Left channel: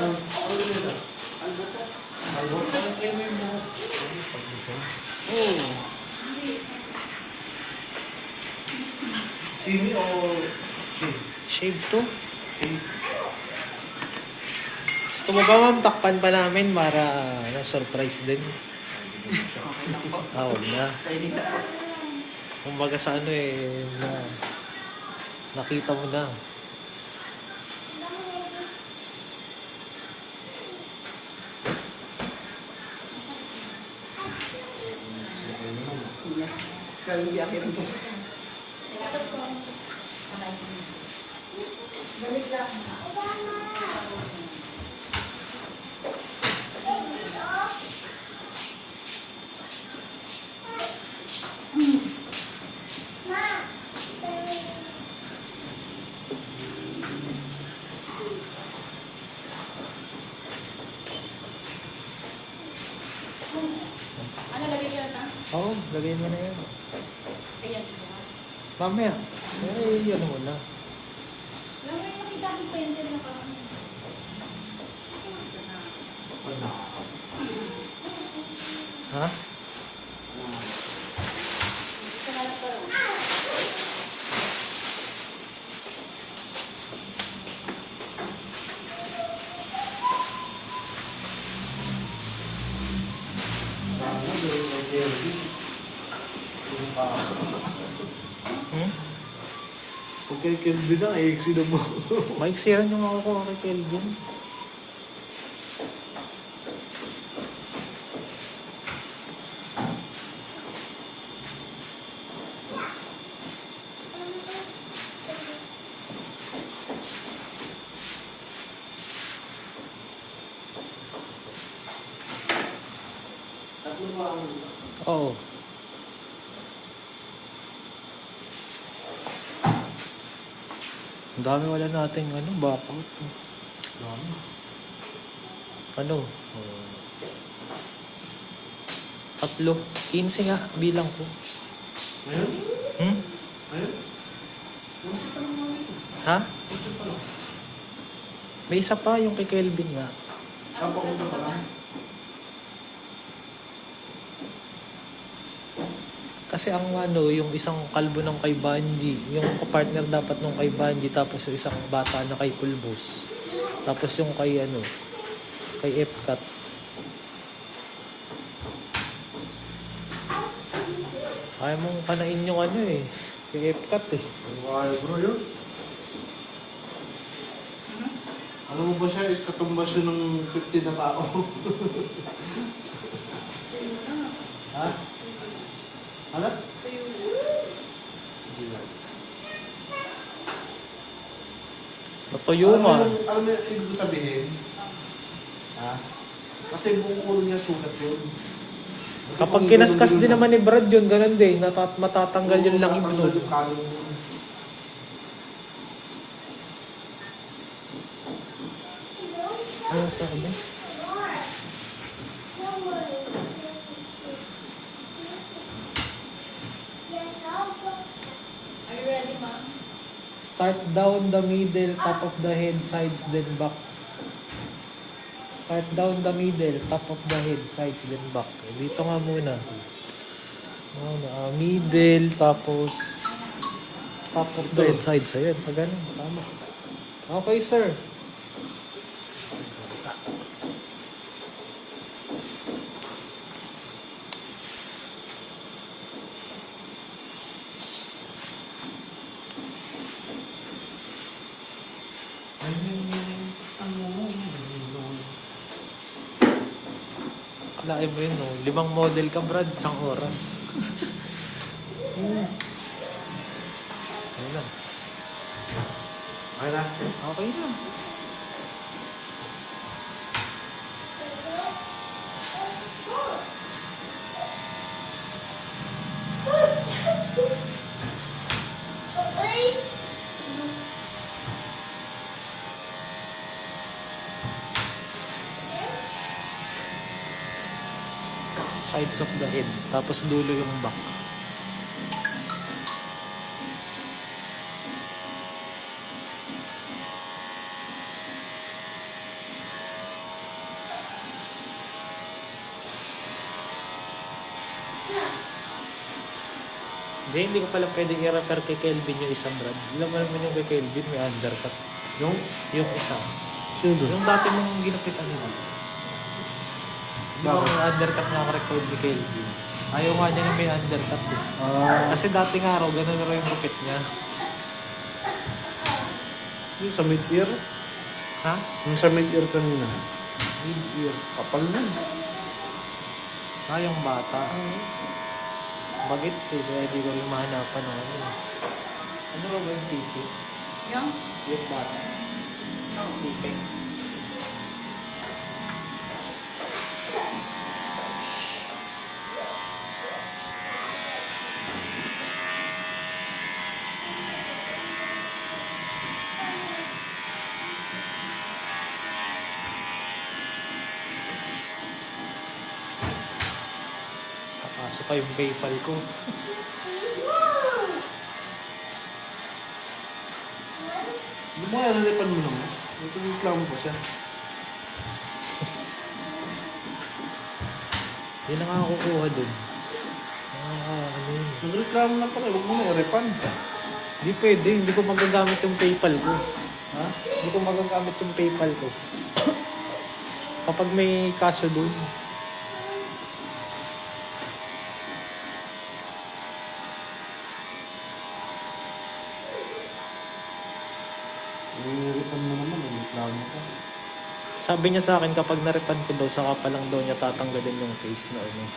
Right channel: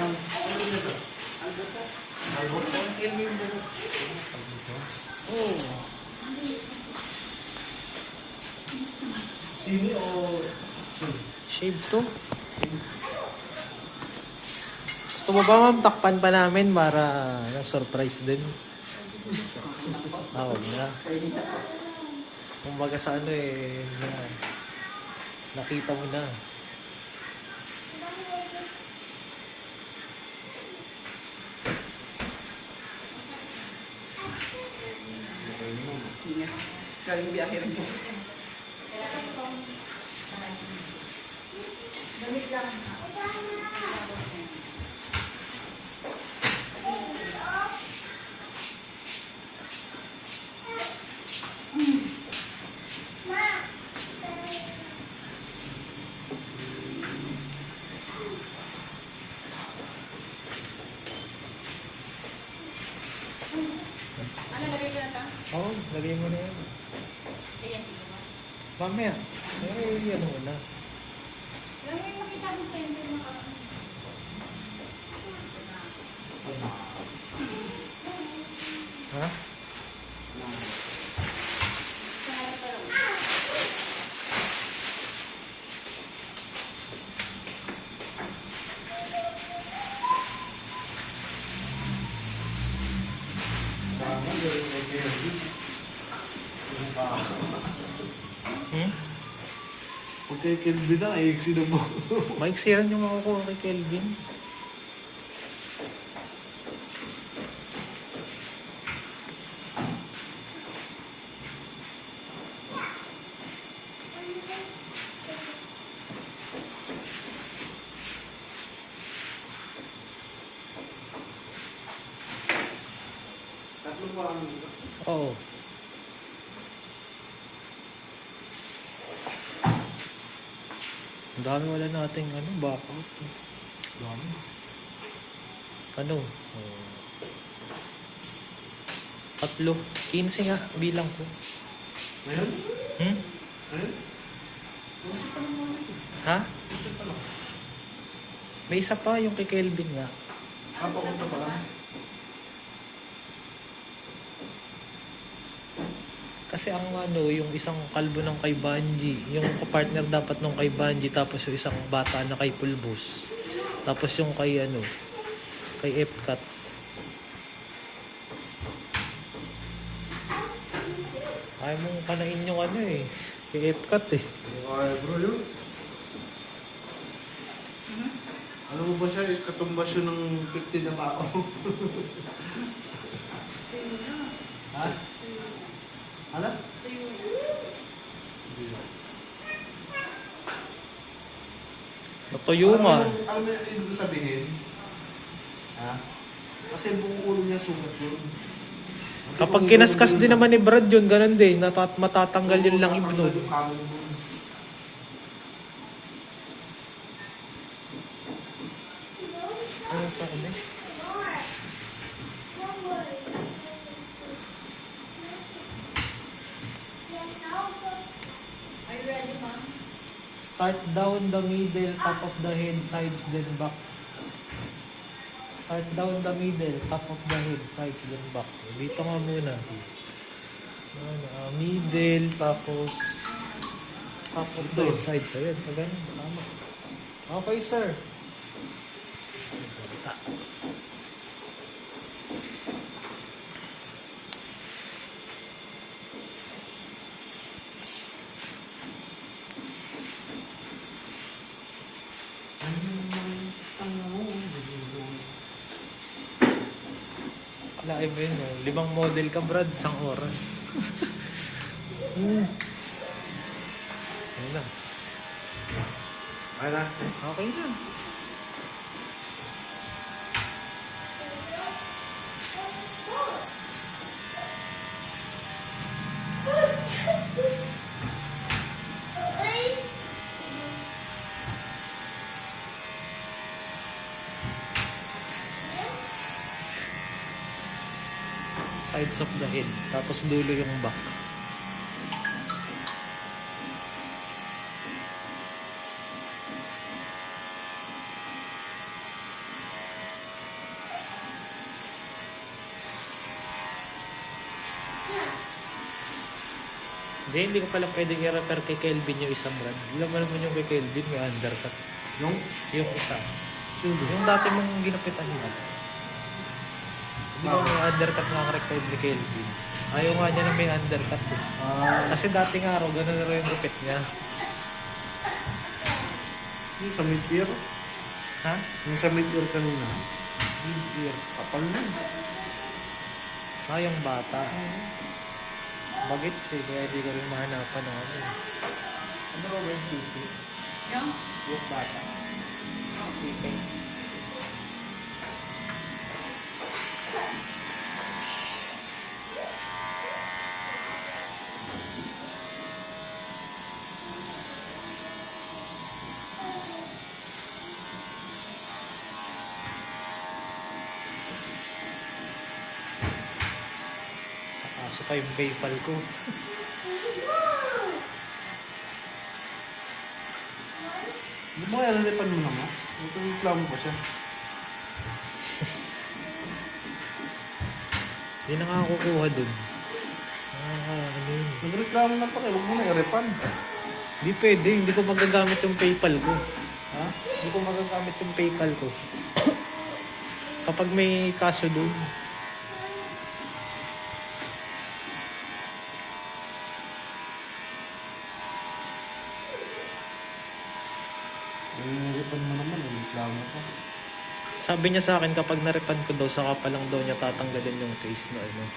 Oh. Simi o shave? Shave to. Shave. Gusto mo ba ma'am, takpan pa namin para surprise din? Okay lang po. Huwag na. Pwede na po. Kumbaga sa ano nakita mo na. Yeah. Galing biyahe rin po. Ano, lagay ka na? Oo, lagay mo na yan. Ayan. Mamaya. Ano mo na. May makita akong pente na ka. Ha? Hmm? Pag kay Kelvin na, sino mo? Maiksiran yung makukuha kay Kelvin. Tatlo ba ang... Oo. Ang dami wala nating backout. Dami. Ano? 3. 15 nga, bilang ko. Ayun? Hmm? Ayun? Ha? May isa pa, yung kay Kelvin nga. Papunta pa lang. Kasi ang yung isang kalbo ng kay Banji, yung kapartner dapat nung kay Banji, tapos yung isang bata na kay Pulbos. Tapos yung kay kay Epcat. Ayaw mong kanain yung kay Epcat Ay, bro, yun. Ano mo ba siya? Katumbas yun ng 50 na tao. Ha? Hala? Natuyo nga. Alam mo yung ibig sabihin? Ha? Kasi buong ulo niya sugat yun. Kapag kinaskas din naman ni Brad yun, ganun din. Matatanggal yun lang ibnod. Ano sabi? Are you ready, ma'am? Start down the middle, top of the head, sides, then back. Start down the middle, top of the head, sides, then back. Dito nga muna. Middle, tapos top of the head, sides. Ayan, pagano. Tama. Okay, sir. Kalahin mo yun, no? 5 model ka, Brad, 1 oras. Ayun na. Ay na. Okay na. Sides of the head, tapos dulo yung back. Hindi ko pala pwedeng i-repair kay Kelvin yung isang brand. Alam mo naman yung kay Kelvin, may undercut. Yung? Yung isa. Sino? Yung dati mong ginapitan niya. Di ba may undercut nga ang record ni Kelvin? Ayaw nga niya na may undercut eh. Kasi dating araw, ganun na rin yung gupit niya. Yung sa mid-ear? Ha? Yung sa mid-ear kanina. Mid-ear. Kapal na. Yung bata. Bagit eh, kaya di ko rin mahanapan ng ano. Ano ba yung pipi? No? Yung bata. Pipi. Kaso pa yung PayPal ko. Hindi mo kaya nalipan mo naman. Ito yung reklamo pa siya. Hindi na nga ako kukuha dun. Ano yun? Nagreklamo na pala. Huwag mo na i-refund. Hindi pwede, hindi ko magagamit yung PayPal ko. Ha? Hindi ko magagamit yung PayPal ko. Kapag may kaso dun. I-refund mo naman. Reklamo ka. Sabi niya sa akin kapag na-refund ko daw, saka pa lang daw niya tatanggalin yung case na ano.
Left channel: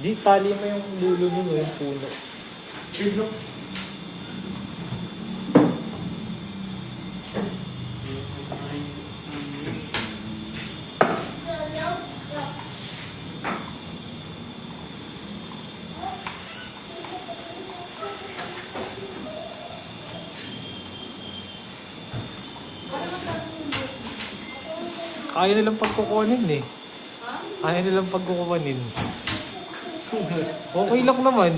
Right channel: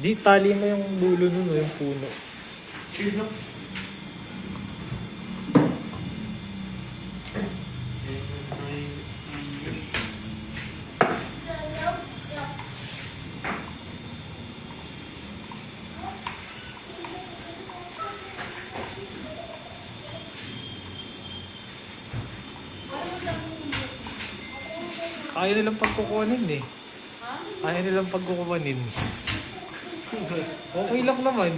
Di, tali mo yung dulo nun, yung puno. Sino? Ayaw nilang pagkukunin eh. Ayaw nilang pagkukunin. Okay lang naman.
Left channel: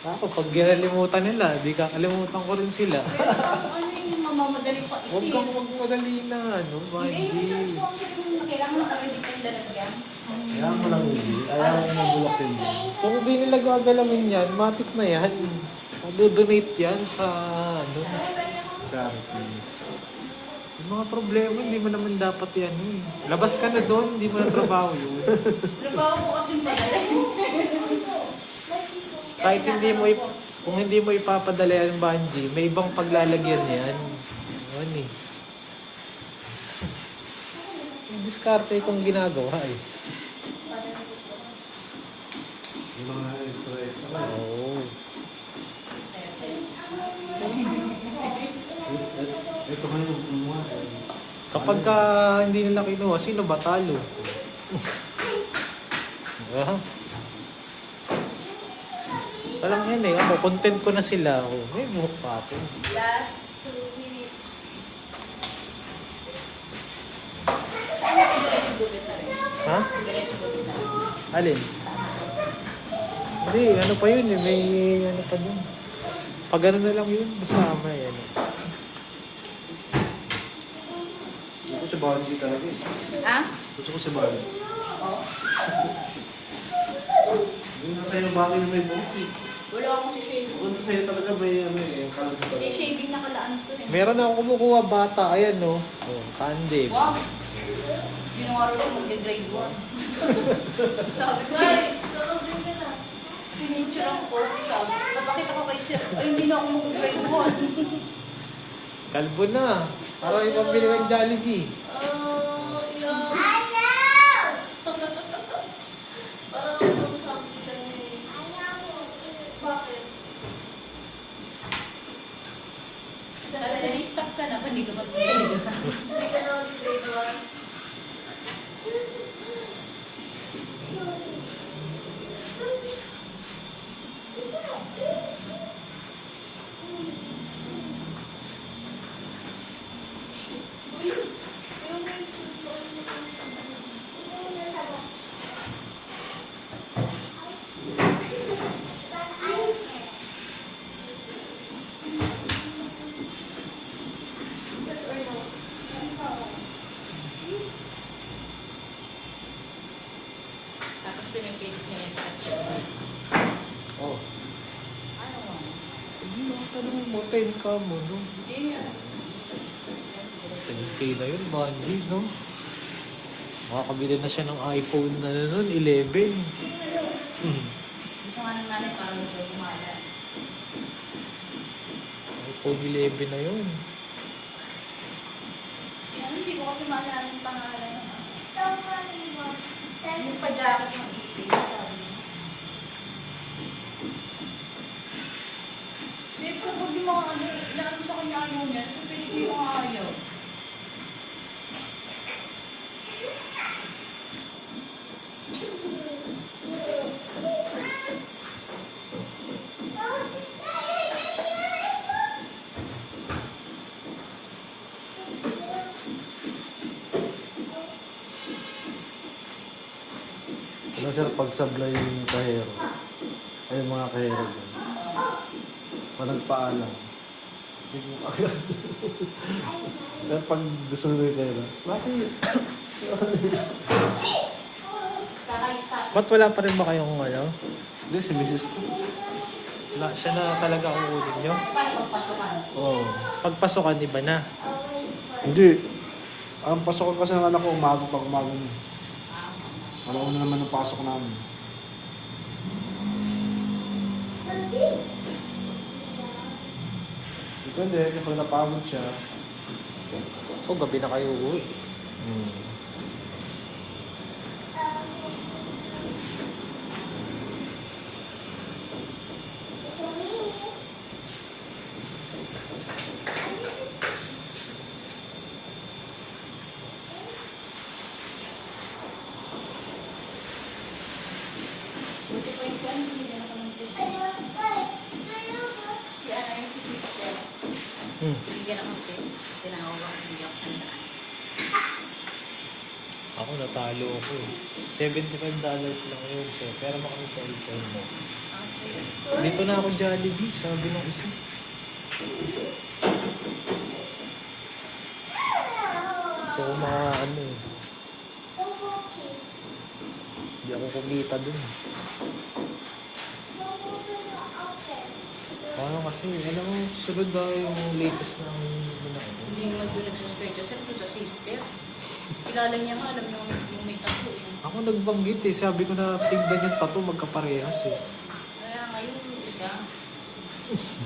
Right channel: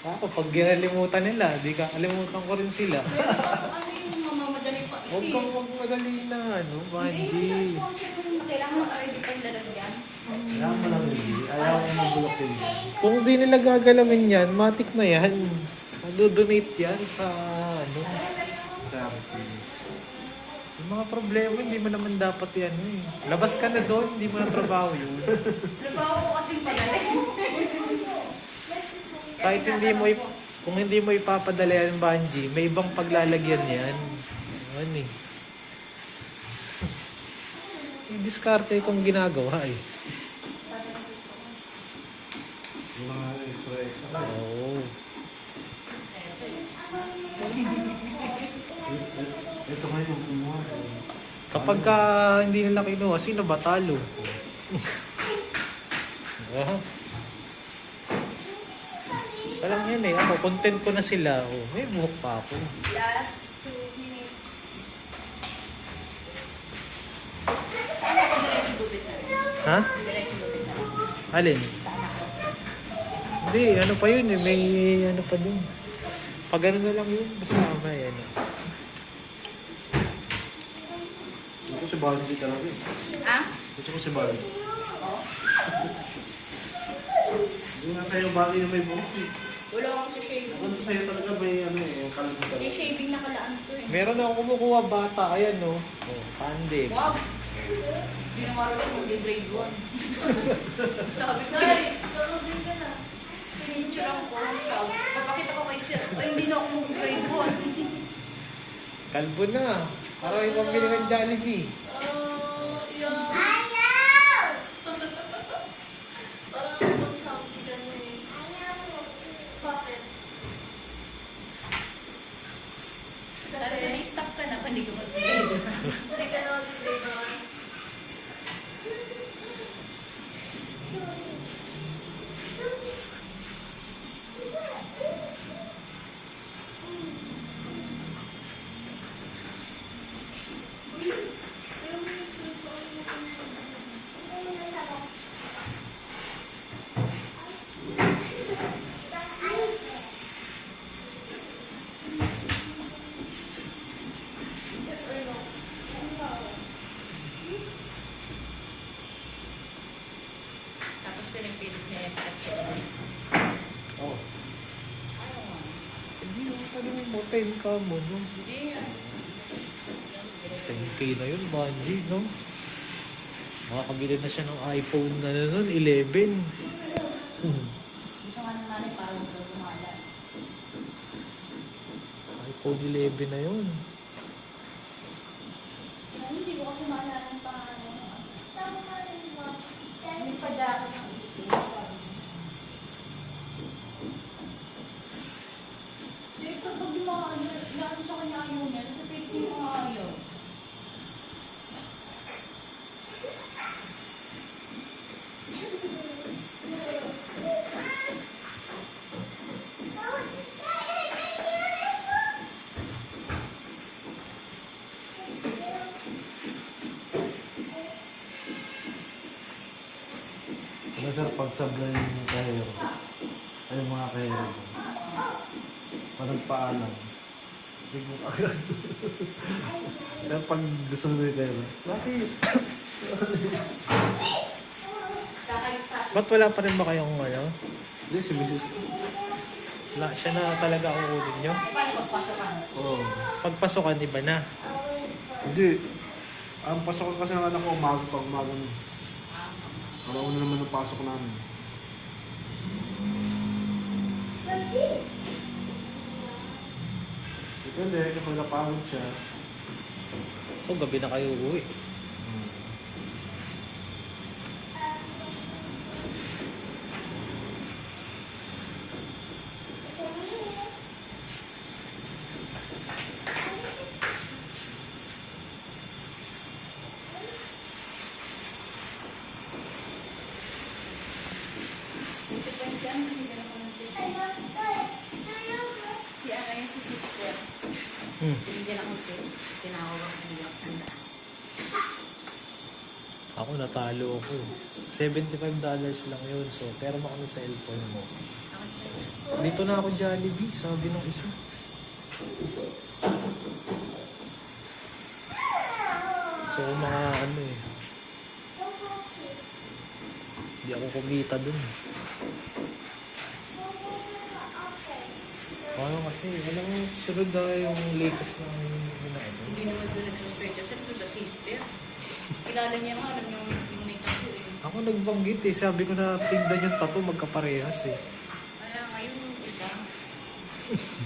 Ako, pag ginalimutan nila, di kakalimutan ko rin sila. Pero ano yung mamamadali pa Huwag isip? kang magmadali na, ano, Hindi, Banji. yung po ang kailangan mo ka-ready kang lalagyan. Ayaw mo lang hindi. Ayaw mo ng bulak hindi. Kung di nila gagalawin yan, matik na yan. Mag-donate yan sa, ano, Charity. yung mga problema, hindi mo naman dapat yan, eh. Labas ka na doon, hindi mo na trabaho yun. Trabaho ko kasing pala. Kahit hindi mo, kung hindi mo ipapadala yan, Banji, may ibang paglalagyan yan. Ano eh. Diskarte kung ginagawa eh. Yung mga extra. Oo. Ito nga yung kumuha. Kapag ka hindi nila kinuha, sino ba talo? Diba? Alam yan eh, ako, content ko na sila. Oh, may buhok pa ako. Last 2 minutes. Sana kung diretso-gubit na rin. Ha? Diretso-gubit na rin. Alin? Hindi, ano pa yun eh, may ano pa dun. Pag ano na lang yun, basta may ano. Ito si Banji talaga eh. Ha? Gusto ko si Banji. Oo. Yung nasa iyo bagay na may buhok eh. Wala akong si shaving. Kung sa'yo talaga may ano eh, yung kalan talaga. May shaving nakalaan ko eh. Meron na ako kumukuha bata, ayan no. Oh, candle. Wow! Ginawa rin ko mag-grade 1. Sabi ko, ay, mag-grade ka na. Pinicture ako. Sabi, napakita ko kay sir. Ay, hindi na ako mag-grade 1. Kalbo na. Para may pambili ng Jollibee. Oh, yeah. Parang itong sabi ka na eh. Bakit? Kasi na-stop ka na, hindi ka mag-grade. Hindi ka na mag-grade 1. Ano mo, 10 ka mo, no? Hindi, 10K na yun, Banji, no? Makakabili na siya ng iPhone na nun, 11. Gusto nga ng nanay para hindi kumala. iPhone 11 na yun. Sino, hindi ko kasi maalala yung pangalan. Yung pa-jacket ng ipin. Siyempre, pag yung mga ano, inaano sa kanya ayaw niya, pwede ko yung mga ayaw. Ano sir, pag sablay yung kahero, ay yung mga kahero dyan. Pag nagpaalam, hindi mo agad. Pero pag gusto mo yung kahero, bakit? Kakaista. Ba't wala pa rin ba kayong ano? Hindi, si Mrs. Wala, siya na talaga kukunin nyo? Paano pagpasukan? Oo. Pagpasukan, iba na. Hindi. Ang pasok ko kasi ng anak ko umaga pag umaga niya. Alam ko naman ang pasok namin. Depende, kapag napagod siya. So, gabi na kayo uwi. Buti pa yung si ano, binigyan ako ng test. Si ano yung si sister. Binigyan ako ng test. Tinawag ang iyak. Ako natalo ako eh. $75 lang yun, sir. Pero makami sa cellphone mo. Dito na ako Jollibee, sabi ng isa. So, mga ano eh. Hindi ako kumita dun. Paano kasi, alam mo, sunod na yung latest na ano. Hindi naman doon nagsuspecha. Saan doon sa sister? Kilala niya nga, alam yung may tattoo eh. Ako nagbanggit eh, sabi ko na tingnan yung tattoo magkaparehas eh. Kaya ngayon, iba.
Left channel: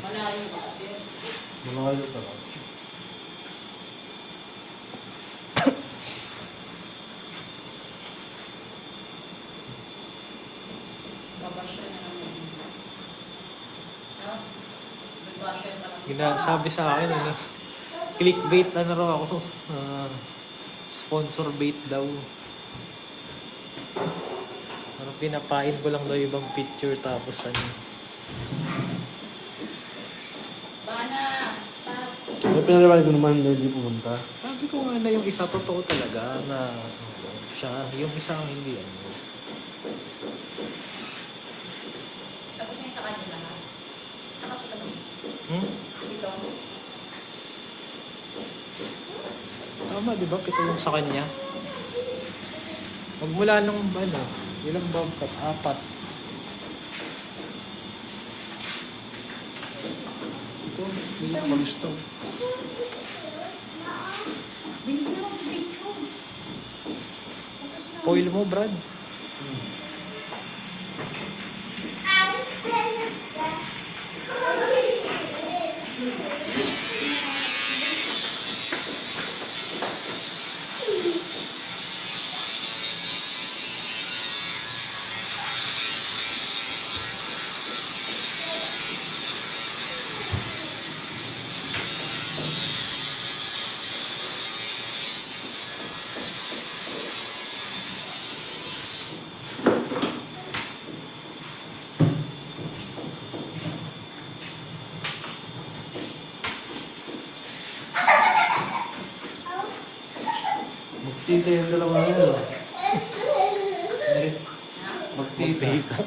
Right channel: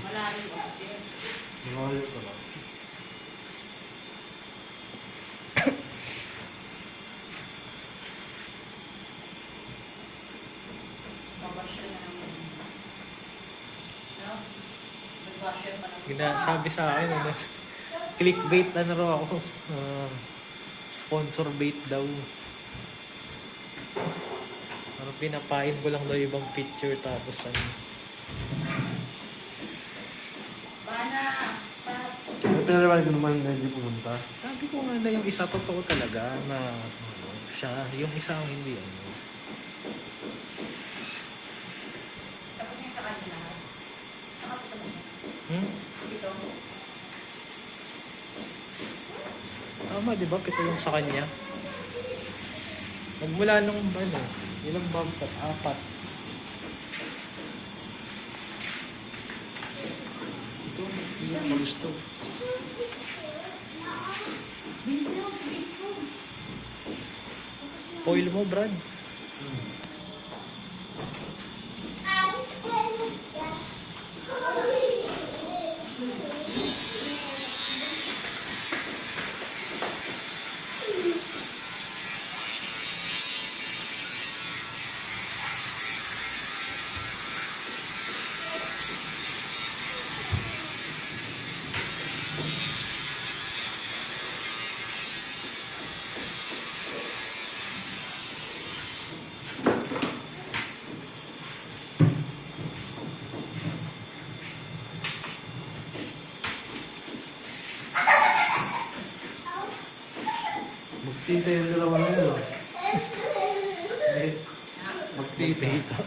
Malayo pa siya. Malayo pa lang. Babasya na naman. No? Babasya pa Sabi sa akin, ano, clickbait na raw ako. Sponsor bait daw. Parang pinapain ko lang daw yung ibang picture tapos ano. Bana! Stop! May pinalaway ko naman hindi pumunta. Sabi ko nga na yung isa totoo talaga na ano, siya, yung isa ang hindi ano. Tapos yung sa kanila ha? Nakapita mo. Dito. Tama, di ba? Pito yung sa kanya. Magmula nung ano, ilang bobcat? 4. Ito, hindi ko malis to. Bilis na lang, dito. Foil mo, Brad. Magtita yung dalawa nila. Magtita. Magtita.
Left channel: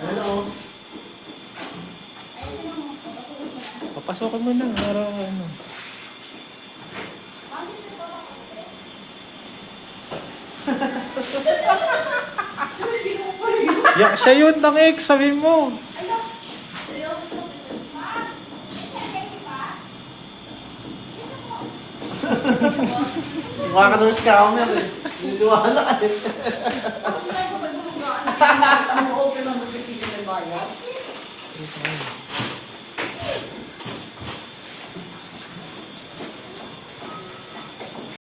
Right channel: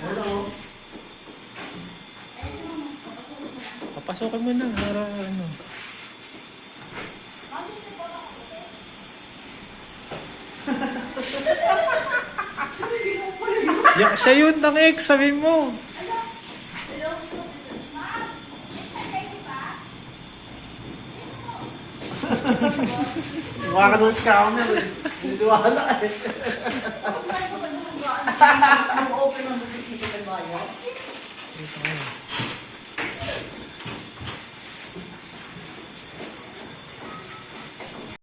Hello. Pasokin mo na, para ano. Siya yun, ng ex, sabihin mo. Mukha ka nung scammer eh. Niniwala ka eh. Nag-open ng bibigyan ng bayad.